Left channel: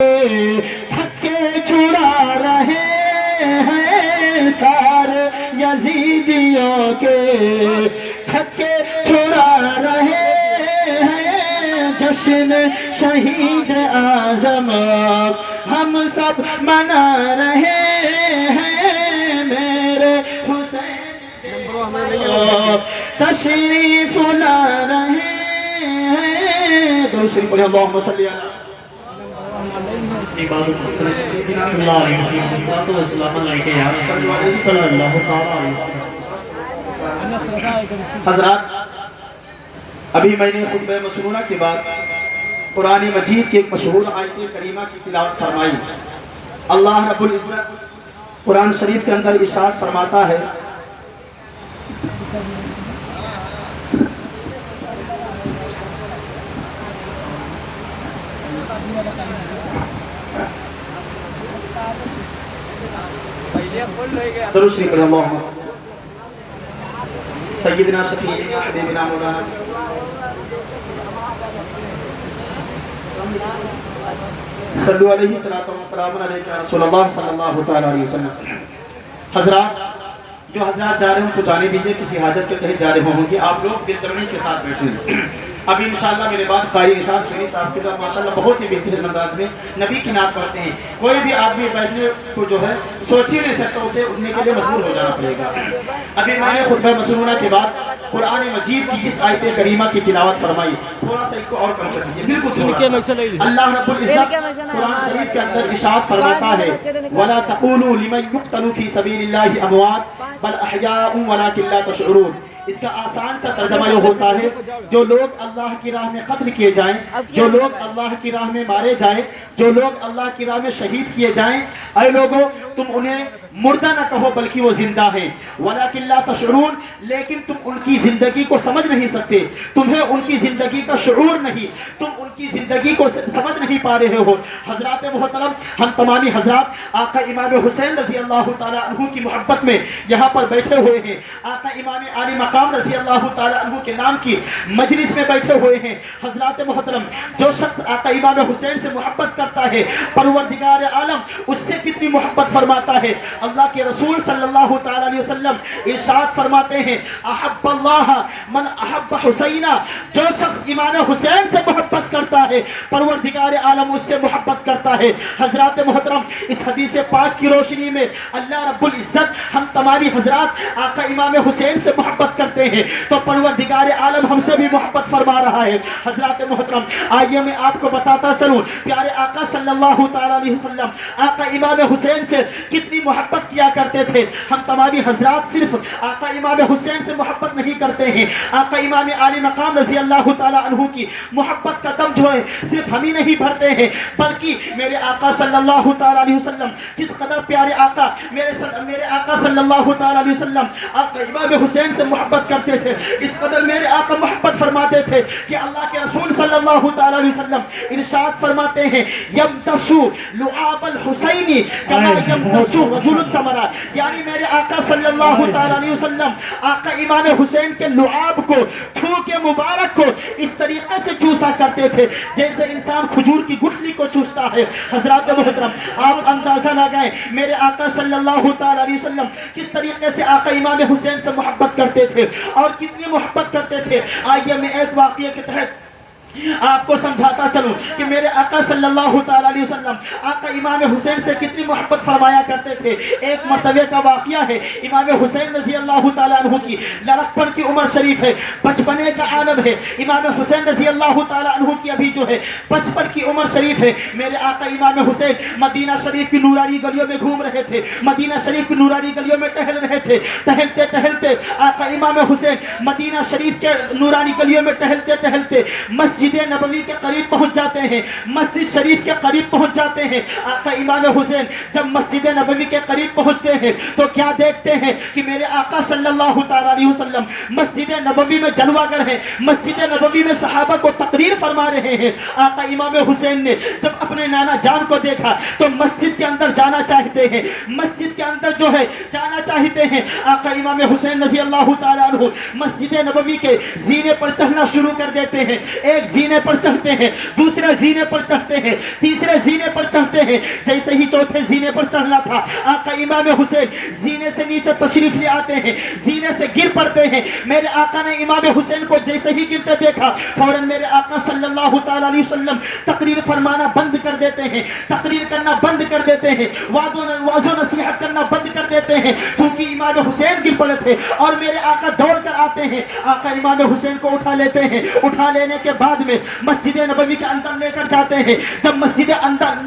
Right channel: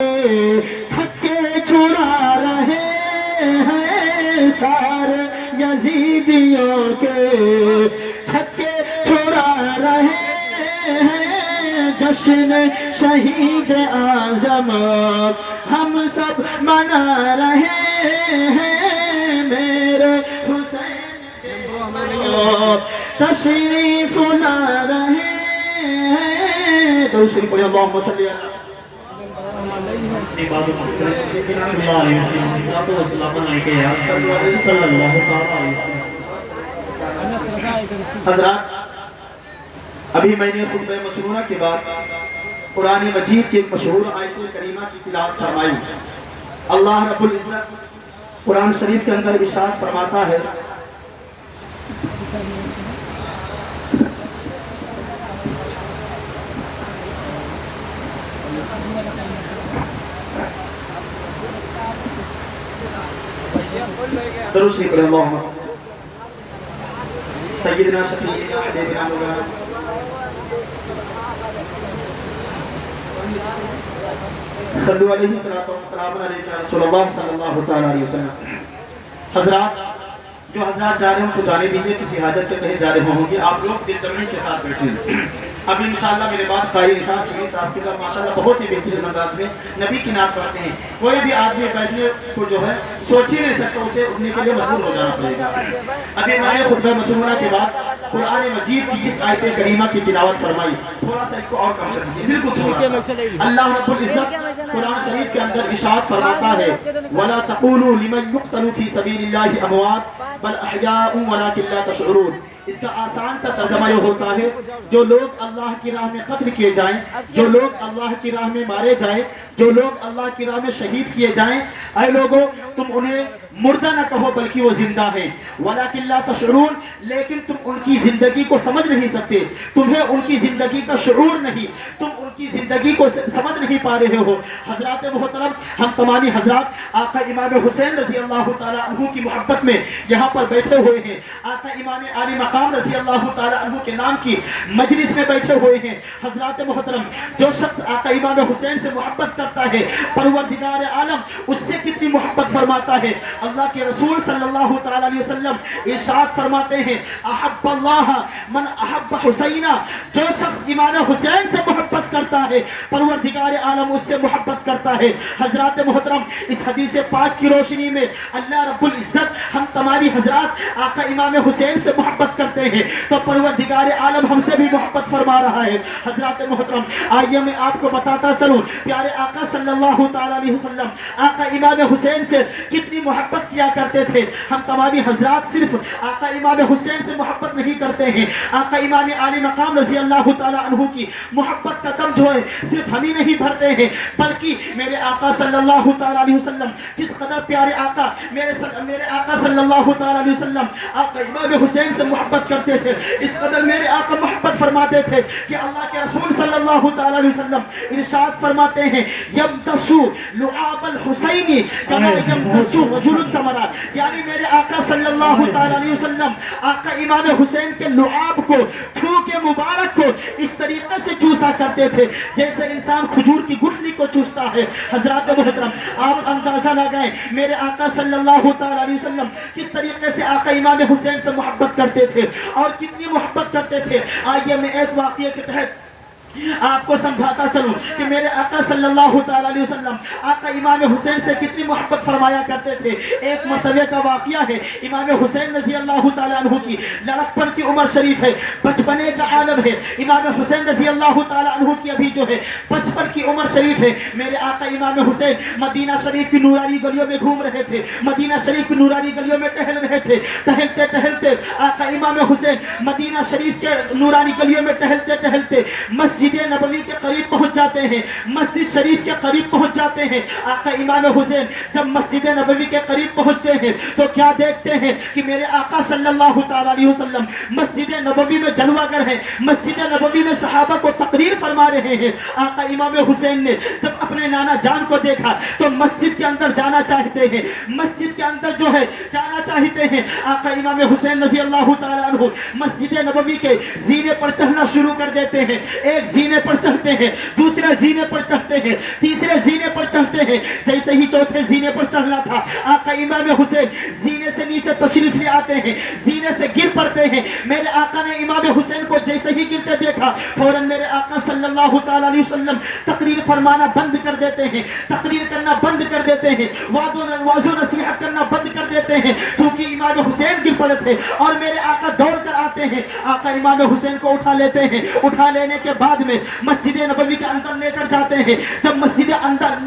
چھکے چھڑا رہے ہیں سارے یزیدیوں کے، چھکے چھڑا رہے ہیں جشن شہید اعظم ہم سب منا رہے ہیں میرے حسین تشریف لا رہے ہیں۔ درود شریف پڑھیں، اللہم صلی علی حضرات، ابھی میں نے خطبہ مسنونہ کے بعد قرآن مجید کی ایک مشہور آیت کریمہ کی تلاوت فرمائی۔ اللہ رب العزت قرآن شریف کے اندر ارشاد فرماتا ہے، درود شریف پڑھیں، اللہم سیدنا شفیعنا حبیبنا مولانا صلو علیہ السلام علیکم رسول اللہ صلی اللہ تعالی علیہ وسلم۔ حضرات، جو حضرات جا رہے ہوں کو جانے دیجئے، کسی حاجت کے تحت جا رہے ہوں گے، آپ لوگ دل جمعی کے ساتھ بیٹھیں۔ ابھی انشاءاللہ میرے بعد قاری نثار شریف صاحب کے بعد ماشاءاللہ بہت ہی بہترین انداز میں نبی کی نعت پڑھتے ہیں۔ کوئی بھی آدمی بیٹھنے کو جو ہے سوچ ہی نہیں سکتا، اسے اٹھنے کے لیے مجبور ہو جانا پڑے گا۔ ابھی میں نے خطبہ مسنونہ کے بعد قرآن مجید کی جس آیت کریمہ کی تلاوت فرمائی، تھوڑا سا اس کو اور کم کر دیجیے، بالکل تھوڑا سا۔ اللہ رب العزت قرآن شریف کے اندر ارشاد فرماتا ہے، وَلَا تَقُولُوا لِمَن يُقْتَلُ فِي سَبِيلِ اللَّهِ أَمْوَاتٌ بَلْ أَحْيَاءٌ وَلَٰكِن لَّا تَشْعُرُونَ۔ اس کا آسان سا ترجمہ یہ ہوتا ہے، جو لوگ اللہ کی راہ میں قتل کیے جائیں، جو لوگ اللہ کی راہ میں مارے جائیں، جو لوگ اللہ کی راہ میں شہید کیے جائیں، اے لوگوں تم انہیں مردہ نہ کہو بلکہ وہ زندہ ہیں، وَلَٰكِن لَّا تَشْعُرُونَ، لیکن تم ان کی زندگی کو سمجھ نہیں سکتے، تمہیں ان کی زندگی کا شعور نہیں، تم ان کی زندگی کو سمجھ نہیں پا رہے ہو۔ حضرات محترم، ہم تمامی حضرات آقا امام حسین رضی اللہ تعالیٰ عنہ کی محبت میں یہاں پر بیٹھے ہوئے ہیں، آقا امام عالی مقام رضی اللہ تعالیٰ عنہ کے نام کی مجلس میں بیٹھے ہوئے ہیں۔ حضرات محترم، جو شخص آقا امام حسین سے محبت کرتا ہے، پروردگار عالم اس سے کتنی محبت فرماتا ہے۔ اللہ کے رسول صلی اللہ تعالیٰ علیہ وسلم ارشاد فرماتے ہیں، احب اللہ من احب حسینہ، جو شخص امام حسین سے محبت کرتا ہے پروردگار عالم اس سے محبت کرتا ہے۔ حضرات محترم، اس حدیث پاک کی روشنی میں اللہ رب العزت ہم تمام حضرات آقا امام حسین سے محبت کرتے ہیں تو پروردگار عالم ہم سے بھی محبت فرما رہا ہے۔ حضرات محترم، آئیے میں آپ کو بتاتا چلوں، پیارے آقا صلی اللہ تعالیٰ علیہ وسلم آقا امام حسین سے کتنی محبت کیا کرتے تھے۔ ہم تمامی حضرات صرف آقا امام حسین سے محبت نہیں کرتے ہیں، آقا امام عالی مقام رضی اللہ تعالیٰ عنہ کی محبت کا دم جو ہے صرف ہم ہی نہیں بھرتے ہیں، بلکہ میرے آقا صلی اللہ تعالیٰ علیہ وسلم جس قدر پیارے آقا میرے آقا صلی اللہ تعالیٰ علیہ وسلم آقا امام حسین سے محبت کرتے تھے، اس قدر میرے آقا محبت فرماتے تھے کہ اللہ کے رسول صلی اللہ تعالیٰ علیہ وسلم ارشاد فرماتے ہیں، یمتسو لعاب الحسینی کما یمتسو رجل التمرات، یعنی میرے آقا صلی اللہ تعالیٰ علیہ وسلم آقا امام حسین کے لعاب کو، تھوک مبارک کو اس طریقے سے چوسا کرتے تھے جیسے انسان کھجور کی گٹھلی کو چوستا ہے۔ حضرات محترم، آپ اندازہ لگائیں میرے آقا صلی اللہ تعالیٰ علیہ وسلم کس طریقے سے آقا امام حسین سے محبت کرتے تھے اور کتنی محبت کرتے تھے۔ آئیے میں ایک واقعے کے تحت آپ کو سمجھاتا چلوں کہ میرے آقا صلی اللہ تعالیٰ علیہ وسلم آقا امام حسین سے کتنی محبت فرمایا کرتے تھے۔ ایک مرتبہ کا واقعہ ہے، امام حسین رضی اللہ تعالیٰ عنہ کی لڑکپن کی عمر شریف ہے، بچپنے کا عالم ہے۔ امام حسین رضی اللہ تعالیٰ عنہ کی ابھی جو ہے بچپن کی عمر شریف ہے۔ میرے آقا امام حسین مدینہ شریف کی نورانی گلیوں میں گھوم رہے تھے، مدینہ شریف کی نورانی گلیوں میں ٹہل رہے تھے۔ ٹہلتے ٹہلتے آقا امام حسین مدینہ شریف کے نورانی گلیوں میں ٹہلتے ٹہلتے مسجد نبوی کے قریب پہنچ جاتے ہیں، مسجد شریف کے قریب پہنچ جاتے ہیں۔ آقا امام حسین جب مسجد نبوی کے قریب پہنچتے ہیں تو کیا دیکھتے ہیں کہ میرے آقا صلی اللہ تعالیٰ علیہ وسلم مسجد نبوی میں جلوہ گر ہیں، مسجد نبوی میں صحابہ کو تقریر فرما رہے ہیں۔ آقا امام حسین نے جب اپنے نانا جان کو دیکھا تو مسجد کے اندر جانا چاہتے ہیں، مسجد کے اندر جو ہے جانا چاہتے ہیں۔ آقا امام حسین رضی اللہ تعالیٰ عنہ مسجد نبوی کے زینے پر چڑھنا شروع کر دیتے ہیں۔ ایک زینے پر چڑھتے ہیں، دوسرے زینے پر چڑھتے ہیں، تیسرے زینے پر چڑھتے ہیں، جیسے ہی چوتھے زینے پر چڑھنا تھا آقا امام حسین زینے سے نیچے تشریف لے آتے ہیں، زینے سے گر پڑتے ہیں۔ میرے آقا نے امام حسین کو جیسے ہی گرتے دیکھا فوراً میرے آقا صلی اللہ تعالیٰ علیہ وسلم تقریر فرمانا بند کر دیتے ہیں، تقریر کرنا بند کر دیتے ہیں، واض و نصیحت کرنا بند کر دیتے ہیں، چونکہ امام حسین گر پڑے تھے اور میرے آقا دوڑ کر آتے ہیں، آقا امام حسین کو اٹھا لیتے ہیں، اٹھا لینے کے بعد میں مسجد نبوی کے اندر لے کر جاتے ہیں۔ جب مسجد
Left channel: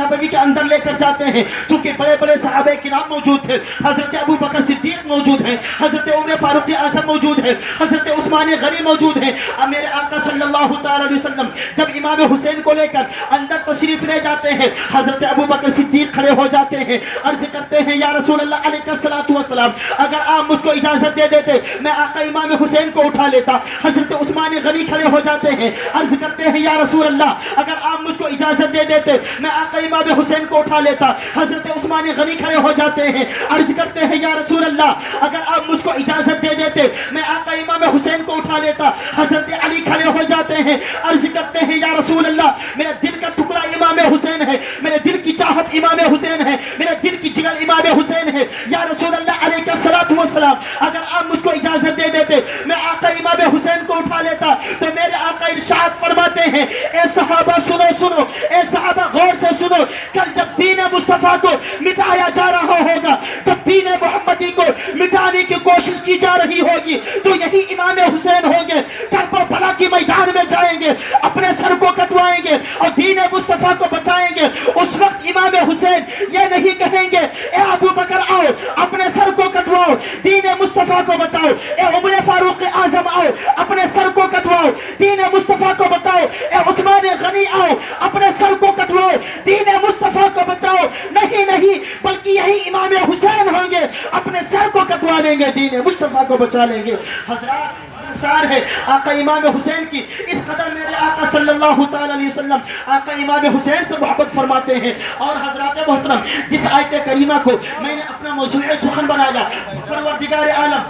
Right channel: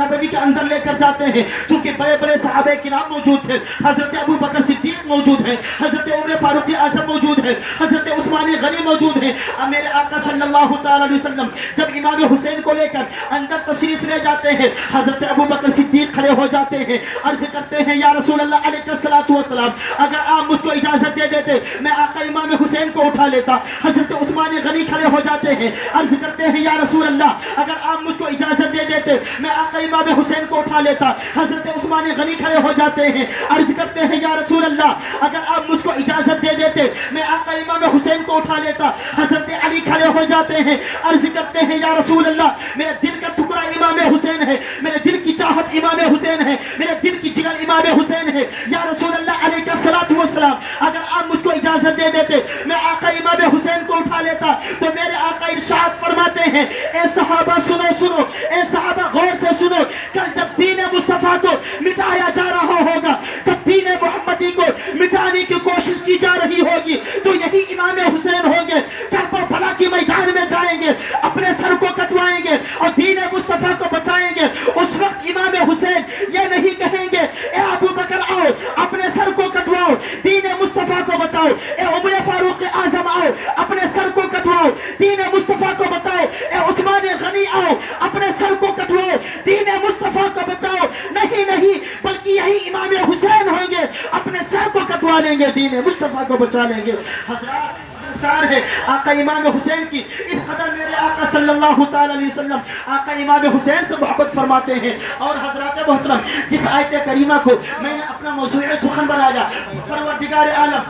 نبوی کے اندر لے کر جاتے ہیں، چونکہ بڑے بڑے صحابہ کرام موجود تھے، حضرت ابو بکر صدیق موجود ہیں، حضرت عمر فاروق اعظم موجود ہے، حضرت عثمان غنی موجود ہیں، میرے آقا صلی اللہ تعالی علیہ وسلم جب امام حسین کو لے کر اندر تشریف لے جاتے ہیں، حضرت ابو بکر صدیق کھڑے ہو جاتے ہیں، عرض کرتے ہیں یا رسول اللہ علیہ الصلوۃ والسلام اگر آپ مجھ کو اجازت دے دیتے میں آقا امام حسین کو اٹھا لیتا۔ حضرت عثمان غنی کھڑے ہو جاتے ہیں، عرض کرتے ہیں یا رسول اللہ اگر آپ مجھ کو اجازت دے دیتے میں آقا امام حسین کو اٹھا لیتا۔ حضرت عثمان غنی کھڑے ہو جاتے ہیں، عرض کرتے ہیں یا رسول اللہ اگر آپ مجھ کو اجازت دے دیتے میں آقا امام حسین کو اٹھا لیتا۔ حضرت علی کھڑے ہو جاتے ہیں، عرض کرتے ہیں یا رسول اللہ میرے دل کا ٹکڑا امام حسین ہے، میرے دل کی چاہت امام حسین ہے، میرے دل کی جگر امام حسین ہے، یا رسول اللہ علیہ الصلوۃ والسلام اگر آپ مجھ کو اجازت دے دیتے میں آقا امام حسین کو اٹھا لیتا۔ تو میرے آقا ارشاد فرماتے ہیں اے صحابہ سنو سنو، اے صحابہ غور سے سنو، کل جب دین مصطفیٰ کو مٹایا جا رہا ہوگا، جب دین محمدی کو مٹانے کی کوشش کی جا رہی ہوگی تو یہی امام حسین ہوں گے، کربلا کے میدان میں جائیں گے، اپنے سر کو کٹوائیں گے اور دین مصطفیٰ کو بچائیں گے۔ اس وقت امام حسین یہ نہیں کہیں گے اے ابو بکر آؤ اپنے سر کو کٹواؤ دین مصطفیٰ کو بچاؤ، اے عمر فاروق اعظم آؤ اپنے سر کو کٹواؤ دین مصطفیٰ کو بچاؤ، اے عثمان غنی آؤ اپنے سر کو کٹواؤ دین مصطفیٰ کو بچاؤ۔ نہیں نہیں، بلکہ یہی امام حسین ہوں گے، اپنے سر کو کٹوا لیں گے، دین مصطفیٰ کو بچا لیں گے۔ حضرات ہے آقا امام حسین کی اس قدر میرے آقا صلی اللہ تعالی علیہ وسلم آقا امام حسین سے محبت فرماتے ہیں۔ اور حضرات محترم جس آیت کریمہ کو میں نے اپنا موضوع سخن بنایا، پروردگار عالم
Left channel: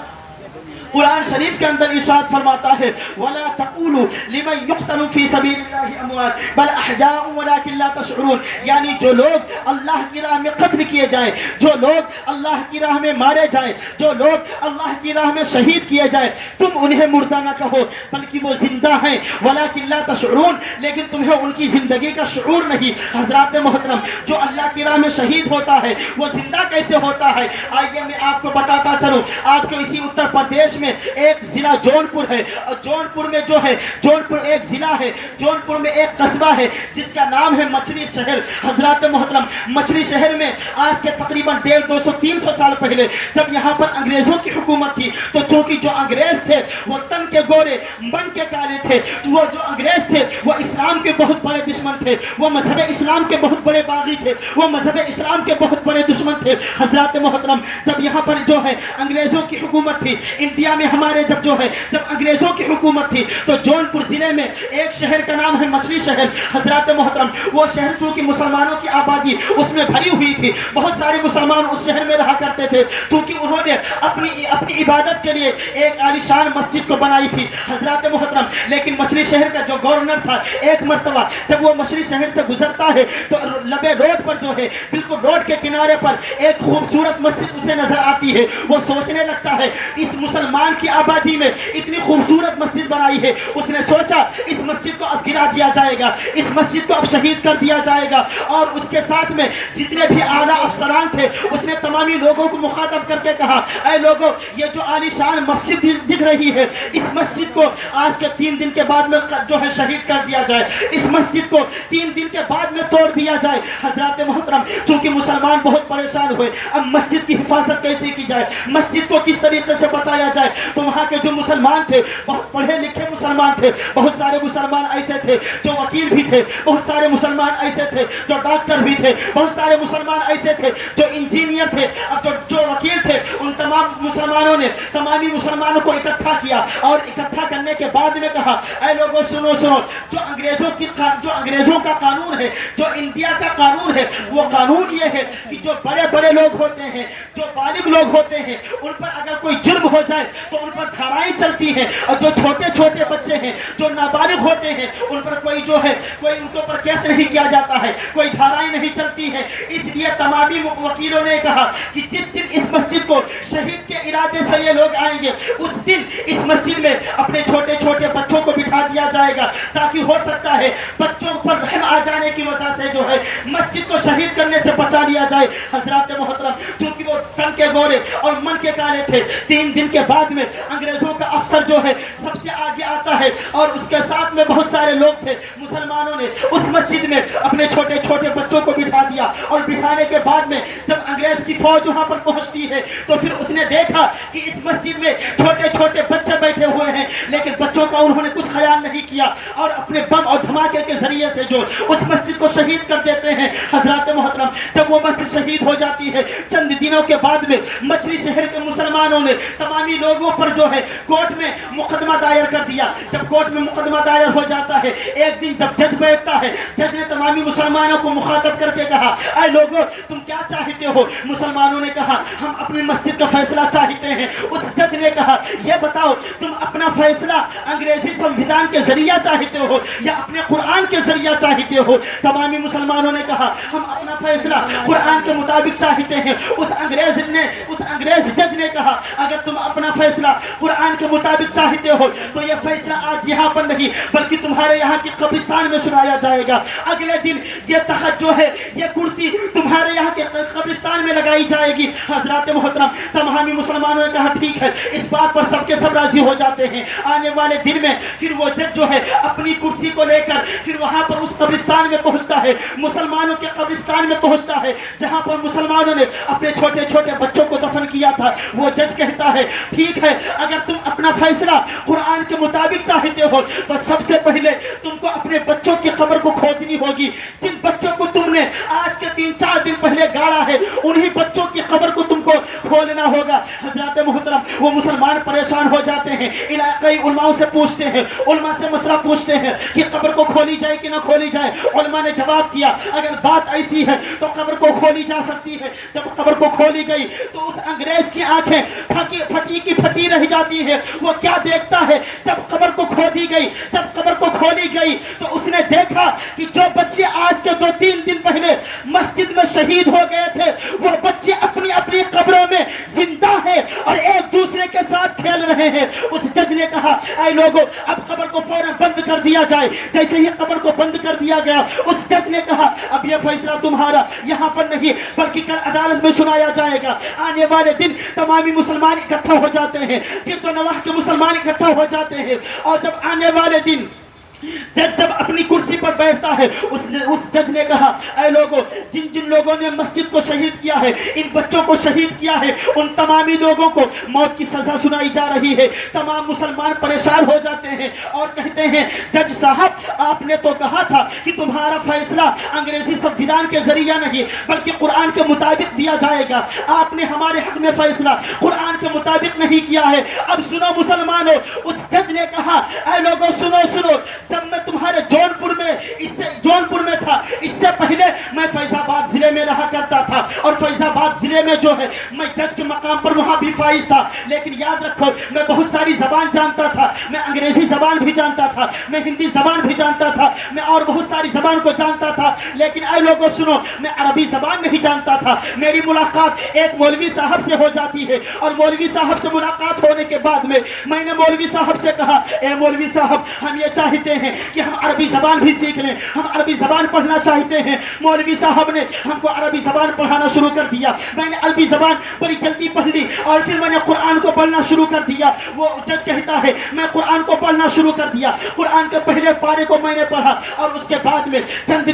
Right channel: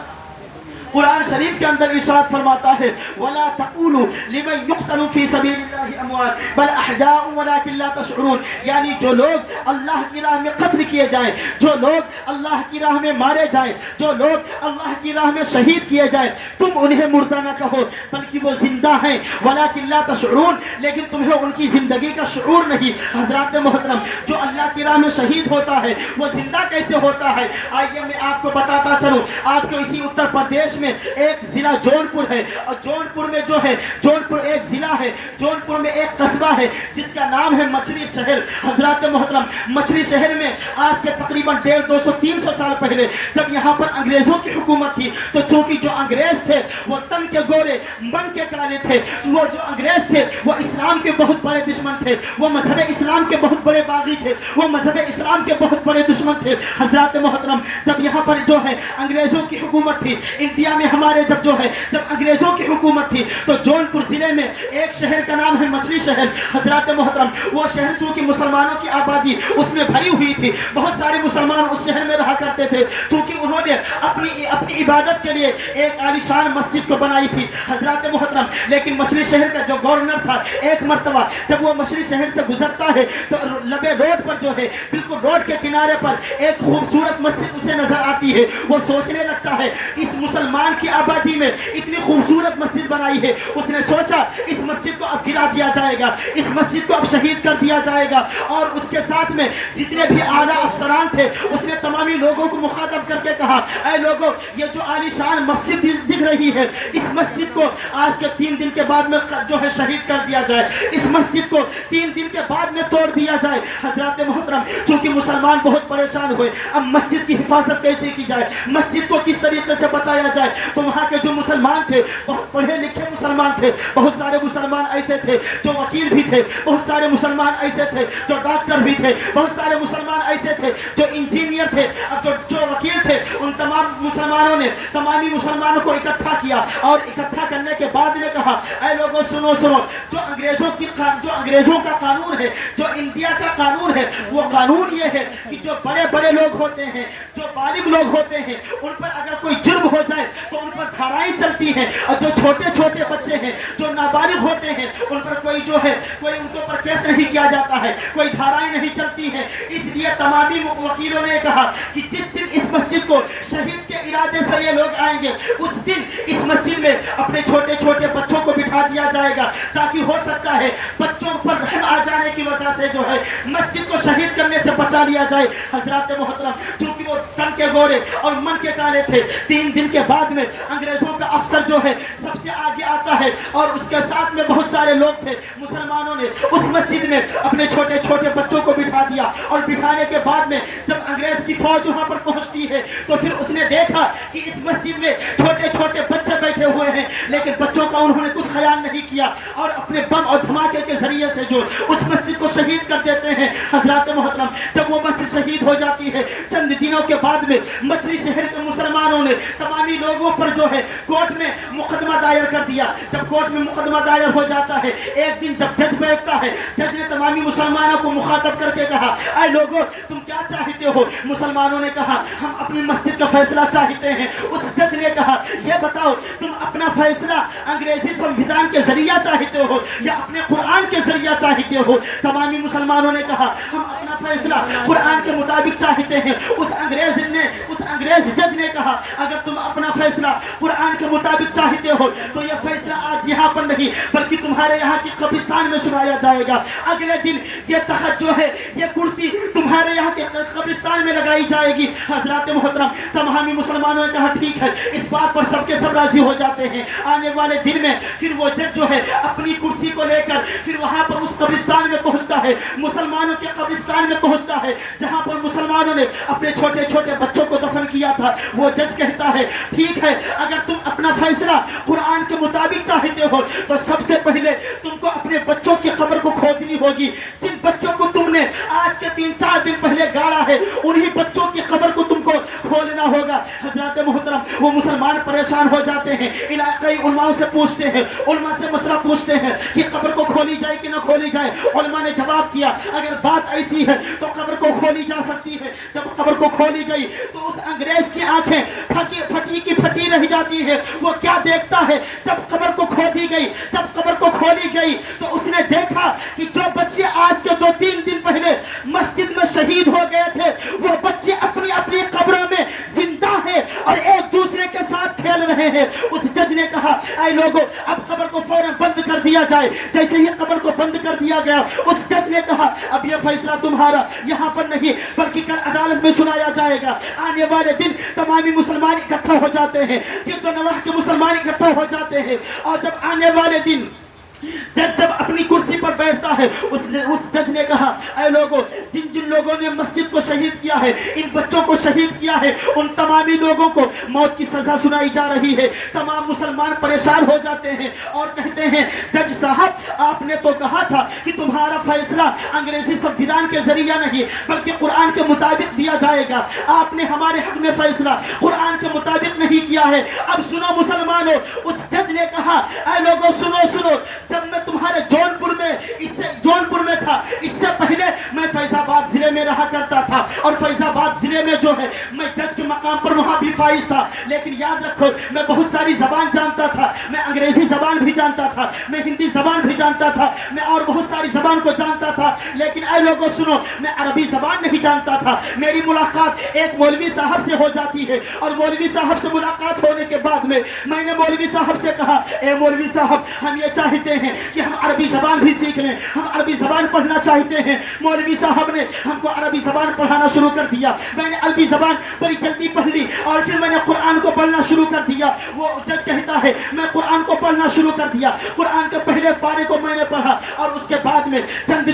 قرآن شریف کے اندر ارشاد فرماتا ہے وَلَا تَقُولُوا لِمَنْ يُقْتَلُ فِي سَبِيلِ اللَّهِ أَمْوَاتٌ بَلْ أَحْيَاءٌ وَلَكِنْ لَا تَشْعُرُونَ، یعنی جو لوگ اللہ کی راہ میں قتل کیے جائیں، جو لوگ اللہ کی راہ میں مارے جائیں، جو لوگ اللہ کی راہ میں شہید کیے جائیں، تم انہیں مردہ نہ کہو بلکہ وہ زندہ ہیں، وَلَكِنْ لَا تَشْعُرُونَ، لیکن تمہیں ان کی زندگی کا شعور نہیں۔ حضرات محترم جو اللہ کی راہ میں شہید ہوتا ہے وہ زندہ کیسے ہوتا ہے؟ آئیے میں آپ کو بتاتا چلوں۔ آپ کو اسی اتر پردیش میں ایک ضلع جونپور ہے، اور جونپور میں جو ہے جونپور ایک ضلع ہے، جونپور میں ایک قصبہ ہے جس کا نام ہے مچھلی شہر۔ حضرات محترم مچھلی شہر میں آج کے تقریباً 150-200-300 سال پہلے جب یہاں پر انگریزوں کی حکومت تھی تو چونکہ جو انگریز تھے وہ تن کے گورے من کے کالے تھے، وہ جو انگریز تھے وہ اسلام کے بہت بڑے دشمن تھے، وہ مذہب اسلام کے بہت بڑے باغی تھے، وہ مذہب اسلام کے بہت بڑے دشمن تھے۔ حضرات محترم جب یہاں پر جو ہے انگریزوں کی حکومت تھی انڈیا میں ہمارے جب انگریزوں کی حکومت تھی تو جونپور ضلع میں ایک شہر کا نام ہے مچھلی شہر۔ حضرات محترم وہ شہر چونکہ مسلمانوں کی آبادی اس میں بھری ہوئی تھی، بہت سارے مسلمان اس شہر میں رہا کرتے تھے، چونکہ انہوں نے اپنی عبادت کے لیے ایک عالیشان مسجد کو بنائی تھی۔ حضرات محترم لیکن مچھلی شہر کا جو گورنر تھا ایک مرتبہ جب وہ مچھلی شہر سے گزرتا ہے تو لبے روڈ پر جو ہے بالکل روڈ کے کنارے پر ایک خوبصورت مسجد اسے نظر آتی ہے، وہ سوچنے لگتا ہے اس مسلمان کی آبادی میں اتنی خوبصورت مسجد بنائی ہے، اس نے سوچا اس مسجد کو اب گرا دیا جائے گا، اس مسجد کو اب شہید کر دیا جائے گا، اور اس کے ساتھ میں جتنے بھی اعلیٰ افسران تھے اس نے تمامی لوگوں کو مخاطب کر کے کہا اے لوگوں یہ جو عالیشان مسجد دکھ رہی ہے اس مسجد کو آج کے 3 دن کے بعد میں جو ہے شہید کر دیا جائے، اس مسجد کو 3 دن کے بعد میں توڑ دیا جائے۔ حضرات محترم چونکہ مسلمان بہت پریشان ہوئے اب مسجد کی حفاظت کیسے کی جائے، مسجد کو کس طریقے سے بچایا جائے، تو وہاں کے جو مسلمان تھے بہت پڑھے لکھے مسلمان تھے، بہت سارے مسلمان ایسے تھے جو وکیل بھی تھے، بہت سارے مسلمان ایسے تھے جو ڈاکٹر بھی تھے، بہت سارے مسلمان ایسے تھے جو انجینئر تھے، اب جو وکیل تھے ان تمام مسلمانوں نے تمامی مسلمانوں کو اکٹھا کیا اور اکٹھا کرنے کے بعد نے کہا اے لوگوں سنو سنو، جو انگریزوں کا قانون ہے، جو انڈیا کا قانون ہے، وہ قانون یہ ہے کہ جو بڑے بڑے لوگ ہوتے ہیں، جو بالغ لوگ ہوتے ہیں، ان پر اگر کوئی جرم ہو جائے تو ان پر دھارائیں چلتی ہیں، اور جو چھوٹے چھوٹے بچے ہیں، جو نابالغ ہوتے ہیں، ان پر کوئی ان کے اوپر کیس نہیں کیا جاتا ہے، کوئی دھارائیں نہیں چلتی ہے۔ اس لیے تمامی وکیلوں نے کہا کہ جس دن اس مسجد کو شہید کے ارادے سے یہ لوگ آئیں گے، اس دن اس مسجد میں اپنے چھوٹے چھوٹے بچوں کو بٹھا دیا جائے گا، تاکہ ہو سکتا ہے بچوں پر رحم آ جانے کی وجہ سے مسجد کو شہید کرنے سے بچا لیا جائے۔ حضرات محترم، چونکہ وہ تن کے گورے اور من کے کالے تھے، 3 دن کے بعد میں انگریزوں کا افسر سب سے آگے آتا ہے، اور اس کے ساتھ میں بہت سارے لوگ تھے۔ مسلمانوں نے اس مسجد میں اپنے چھوٹے چھوٹے بچوں کو بٹھا دیا، اور بٹھانے کے بعد میں جب انگریز کی فوج وہاں پر پہنچتی ہے تو پھر اس نے دیکھا کہ اس مسجد میں چھوٹے چھوٹے بچے بیٹھے ہوئے ہیں، لیکن بچوں کا انہوں نے کچھ خیال نہیں کیا، اور اپنے بم اور دھماکے کے ذریعے سے اس مسجد کو شہید کر دیتے ہیں۔ حضرات محترم، جب وہ مسجد شہید ہو جاتی ہے، چند دنوں کے بعد میں مچھلی شہر کے مسلمانوں نے تمامی لوگوں پر کورٹ میں مقدمہ دائر کر دیا۔ جب کورٹ میں مقدمہ دائر ہو جاتا ہے، ایک دن جب جج بیٹھتا ہے، جج نے تمامی مسلمانوں کو مخاطب کر کے کہا اے لوگوں، تم کیا چاہتے ہو؟ مسلمانوں نے کہا ہم اپنی مسجد کا فیصلہ چاہتے ہیں۔ اس جج نے کہا یہ بتاؤ، تم اپنا فیصلہ انگریزی سنویدھان کے ذریعہ چاہتے ہو یا اپنے قرآن کے ذریعہ چاہتے ہو؟ تمامی مسلمانوں نے کہا ہم اپنا فیصلہ قرآن کے مطابق چاہتے ہیں۔ اس انگریز جج نے کہا اگر تم اپنا فیصلہ قرآن کے مطابق چاہتے ہو تو یہ فیصلہ آج یہاں پر نہیں بلکہ تمہارے یہاں کی قبرستان میں سنایا جائے گا۔ اگلے دن یہ تخت یہ کرسی تمہارے یہاں کے قبرستان میں لگائی جائے گی۔ حضرات محترم، تمامی مسلمانوں نے کہا ٹھیک ہے، اس بات پر سب کے سب راضی ہو جاتے ہیں۔ آنے والے دن میں پھر وہ جج اپنی کرسی کو لے کر پھر وہاں پر اس قبرستان میں پہنچتا ہے، مسلمانوں کے قبرستان میں پہنچتا ہے جہاں پر مسلمانوں نے اپنے چھوٹے چھوٹے بچوں کو دفن کیا تھا۔ وہ جج کہتا ہے ٹھیک ہے، اگر تم اپنا فیصلہ قرآن کے مطابق چاہتے ہو تو سب سے پہلے تم کو اپنے بچوں کی قبر کو کھودنی ہوگی۔ جن بچوں کو تم نے آج کے 3-4 دن پہلے گاڑا ہے، انہی بچوں کی قبر کو تم کو کھولنا ہوگا۔ حضرات محترم، وہ مسلمان پریشان ہو جاتے ہیں، علاقائی علماء سے پوچھتے ہیں، علماء سے مسئلہ پوچھتے ہیں کہ قبر کو کھولی جائے کہ نہ کھولی جائے۔ علماء نے جواب دیا اگر بات ایسی ہے تو قبر کو کھولی جا سکتی ہے۔ جب قبر کو کھولی گئی تو اس انگریز کی آنکھیں پھٹی رہ جاتی ہے۔ وہ کیا دیکھتا ہے؟ جب قبر کو کھولی گئی تو اس نے دیکھا کہ جو بچے آج کے 2-3 دن پہلے مسجد میں شہید ہو گئے تھے، وہ بچے اپنی اپنی قبروں میں زندہ ہیں اور ایک دوسرے کے ساتھ کھیل رہے ہیں۔ اس جج نے کہا اے لوگوں، اب قبر کو فوراً بند کر دیا جائے۔ جیسے ہی قبر کو بند کر دیا گیا، اس جج نے کہا اب یہ فیصلہ تمہارا یہاں پر نہیں بلکہ کل عدالت میں سنایا جائے گا۔ آنے والے دن تمامی مسلمان اکٹھا ہو جاتے ہیں، گرد و نواح کے مسلمان اکٹھا ہو جاتے ہیں، اور جب آنے والے دن جب اپنی کرسی پر بیٹھتا ہے، اس جج نے کہا اے لوگوں، جن لوگوں نے مسجد کو شہید کیا ہے، ان بچوں کو شہید کیا ہے، ان تمامی لوگوں کو موت کی سزا سنائی جا رہی ہے۔ تمام مسلمان پریشان ہو جاتے ہیں اور کہتے ہیں جج صاحب، آپ نے تو کہا تھا کہ تمہارا فیصلہ انگریزی سنویدھان کے ذریعہ نہیں بلکہ قرآن کے مطابق دیا جائے گا۔ آپ نے ہمارے حق میں فیصلہ قرآن کے مطابق نہیں کیا ہے۔ اب سنو مسلمانوں، اس جج نے کہا اے لوگوں سنو، جب میں تمہارے جونپور میں تھا، اس سے پہلے میں فیض آباد ضلع میں رہا کرتا تھا، اور فیض آباد ضلع میں میں جج کے مقام پر وہاں بھی فائز تھا، لیکن یاد رکھو میں بہت ساری زبان جانتا تھا، میں انگریزی زبان بھی جانتا تھا، میں ہندی زبان بھی جانتا تھا، میں اور بہت ساری زبان کو جانتا تھا، لیکن اے لوگوں سنو، میں عربی زبان نہیں جانتا تھا۔ میری ملاقات ایک مولوی صاحب سے ہو جاتی ہے، اور مولوی صاحب سے ملاقات ہونے کے بعد میں نے مولوی صاحب سے کہا اے مولوی صاحب، ہم یہ چاہتے ہیں کہ ہم عربی زبان بھی سیکھ لیں، ہم عربی زبان پڑھنا چاہتے ہیں۔ مولوی صاحب نے ہم کو عربی زبان پڑھانا شروع کر دیا۔ میں نے عربی زبان بڑی جلدی پڑھ لی اور پھر میں نے قرآن کو پڑھنا شروع کر دیا۔ وہ جج کہتا ہے میں قرآن کو پڑھنا شروع کر دیا، قرآن کے پہلے پارے کو میں نے پڑھا، اور اس کے بعد میں چند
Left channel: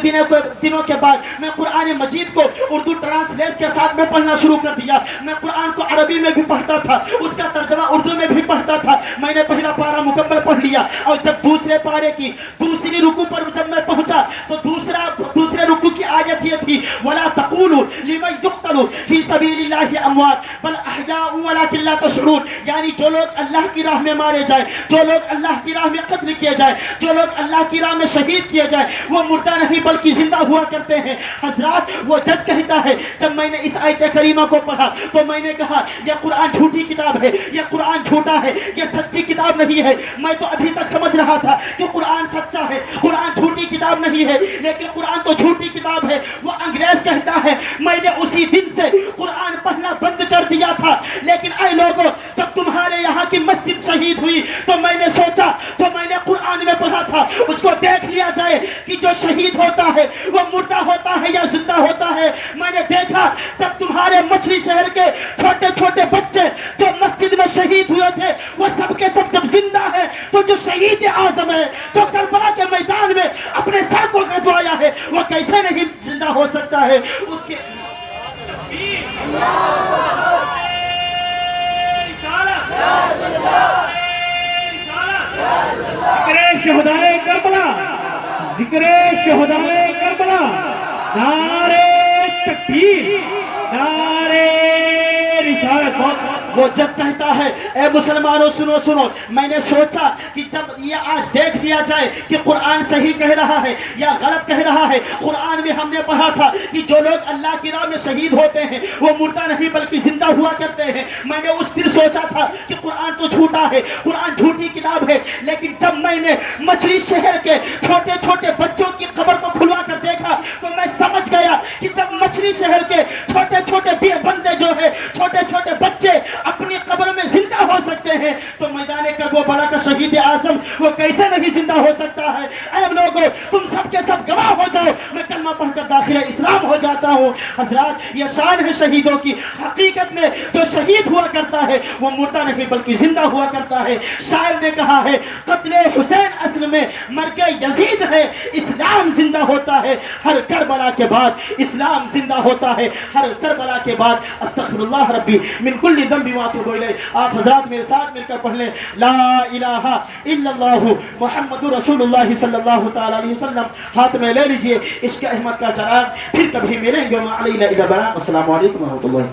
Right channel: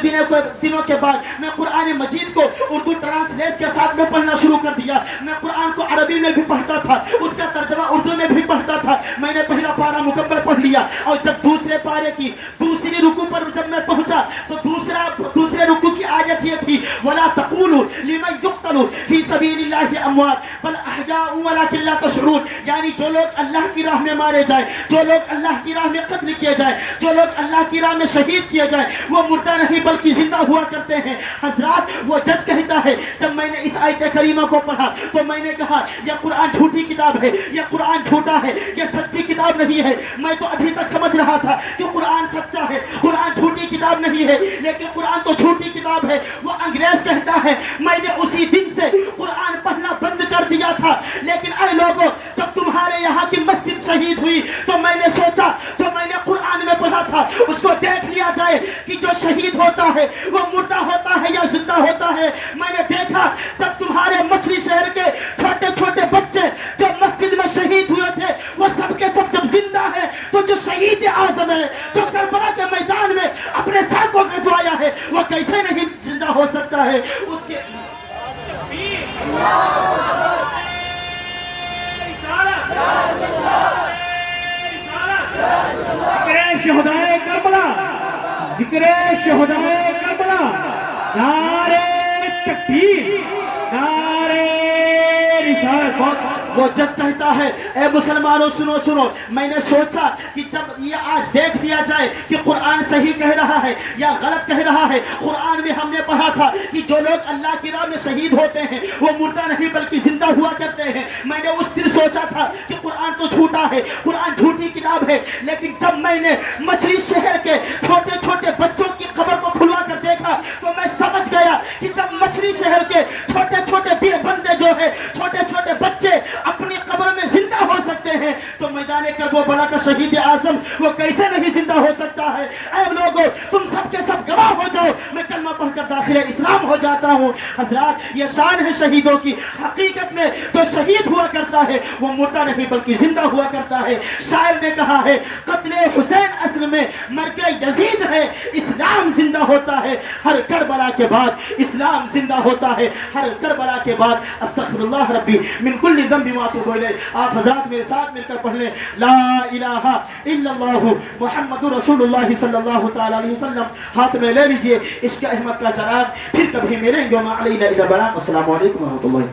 دنوں کے بعد میں قرآن مجید کو اردو ٹرانسلیٹ کے ساتھ میں پڑھنا شروع کر دیا۔ میں قرآن کو عربی میں بھی پڑھتا تھا، اس کا ترجمہ اردو میں بھی پڑھتا تھا۔ میں نے پہلا پارا مکمل پڑھ لیا، اور جب دوسرے پارے کی دوسری رکوع پر جب میں پہنچا تو دوسرے رکوع کی آیت یہ تھی وَلَا تَقُولُوا لِمَنْ يُقْتَلُ فِي سَبِيلِ اللَّهِ أَمْوَاتٌ بَلْ أَحْيَاءٌ تَسْمَعُونَ وَلَكِنْ لَا تَشْعُرُونَ، یعنی جو لوگ اللہ کی راہ میں مارے جائیں، جو لوگ اللہ کی راہ میں قتل کیے جائیں، جو لوگ اللہ کی راہ میں شہید کیے جائیں، وہ مردہ نہیں بلکہ زندہ ہوا کرتے ہیں۔ حضرات وہ جج کہتا ہے، جب میں نے اس آیت کریمہ کو پڑھا تو میں نے کہا یہ قرآن جھوٹی کتاب ہے، یہ قرآن جھوٹا ہے، یہ سچی کتاب نہیں ہے۔ میں تو ابھی تک سمجھ رہا تھا کہ قرآن سچا ہے، قرآن جھوٹی کتاب نہیں ہے، لیکن قرآن تو جھوٹی کتاب ہے۔ وہ انگریز کہتا ہے میں نے اسی دن سے قرآن پڑھنا بند کر دیا تھا، لیکن اے لوگوں جب تمہارے یہاں کی مسجد شہید ہوئی تو میں نے سوچا، تو میں نے قرآن میں پڑھا تھا اس کو دیکھ لیا جائے کہ جو شہید ہوتا ہے وہ مردہ ہوتا ہے یا زندہ ہوتا ہے۔ میں نے دیکھا جب تمہارے مچھلی شہر کے چھوٹے چھوٹے بچے جو مسجد میں شہید ہوئے تھے وہ سب کے سب جب زندہ ہے تو جو شہید اعظم ہے جو کربلا کے میدان میں اپنے سر کو کٹوایا ہے وہ کیسے نہیں زندہ ہو سکتا ہے؟ اس کے ذکر شہدائے کربلا، ذکر شہدائے کربلا، نعرے تکبیر، نعرے رسالت۔ وہ جج کہتا ہے اے مسلمانوں سنو سنو، میں نے سوچا کہ جب یہ آج دیکھ دیا جائے کہ قرآن صحیح کہہ رہا ہے یا غلط کہہ رہا ہے۔ قرآن میں ہم نے پڑھا تھا کہ جو لوگ اللہ کی راہ میں شہید ہوتے ہیں وہ مردہ نہیں بلکہ زندہ ہوا کرتے ہیں۔ میں نے اس دن سوچا تھا کہ قرآن تو جھوٹا ہے، قرآن جھوٹی کتاب ہے، لیکن جب میں نے مچھلی شہر کے چھوٹے چھوٹے بچوں کی قبر کو کھلوا کر دیکھا تو میں سمجھ گیا کہ جب مچھلی شہر کے چھوٹے چھوٹے بندے جو ہے، چھوٹے چھوٹے بچے اپنی قبر میں زندہ ہو سکتے ہیں تو میدان کربلا کا شہید اعظم وہ کیسے نہیں زندہ ہو سکتا ہے؟ اے لوگوں تم سب کے سب گواہ ہو جاؤ، میں کلمہ پڑھ کر داخل اسلام ہو جاتا ہوں۔ حضرات یہ شان ہے شہیدوں کی، حقیقت میں جو شہید ہوا کرتا ہے وہ مردہ نہیں بلکہ زندہ ہوا کرتا ہے۔ شاعر نے کہا ہے قتل حسین اصل میں مرگ یزید ہے، اسلام زندہ ہوتا ہے ہر کربلا کے بعد، اسلام زندہ ہوتا ہے ہر کربلا کے بعد۔ استغفر اللہ ربی من کل ذنب واتوب الیہ۔ آپ حضرات میرے ساتھ مل کر پڑھ لیں لا الہ الا اللہ محمد رسول اللہ صلی اللہ تعالی علیہ وسلم۔ ہاتھ میں لے لیجئے عشق احمد کا چراغ، پھر کبھی ملیں گے وما علینا الا البلاغ۔ السلام علیکم ورحمۃ اللہ۔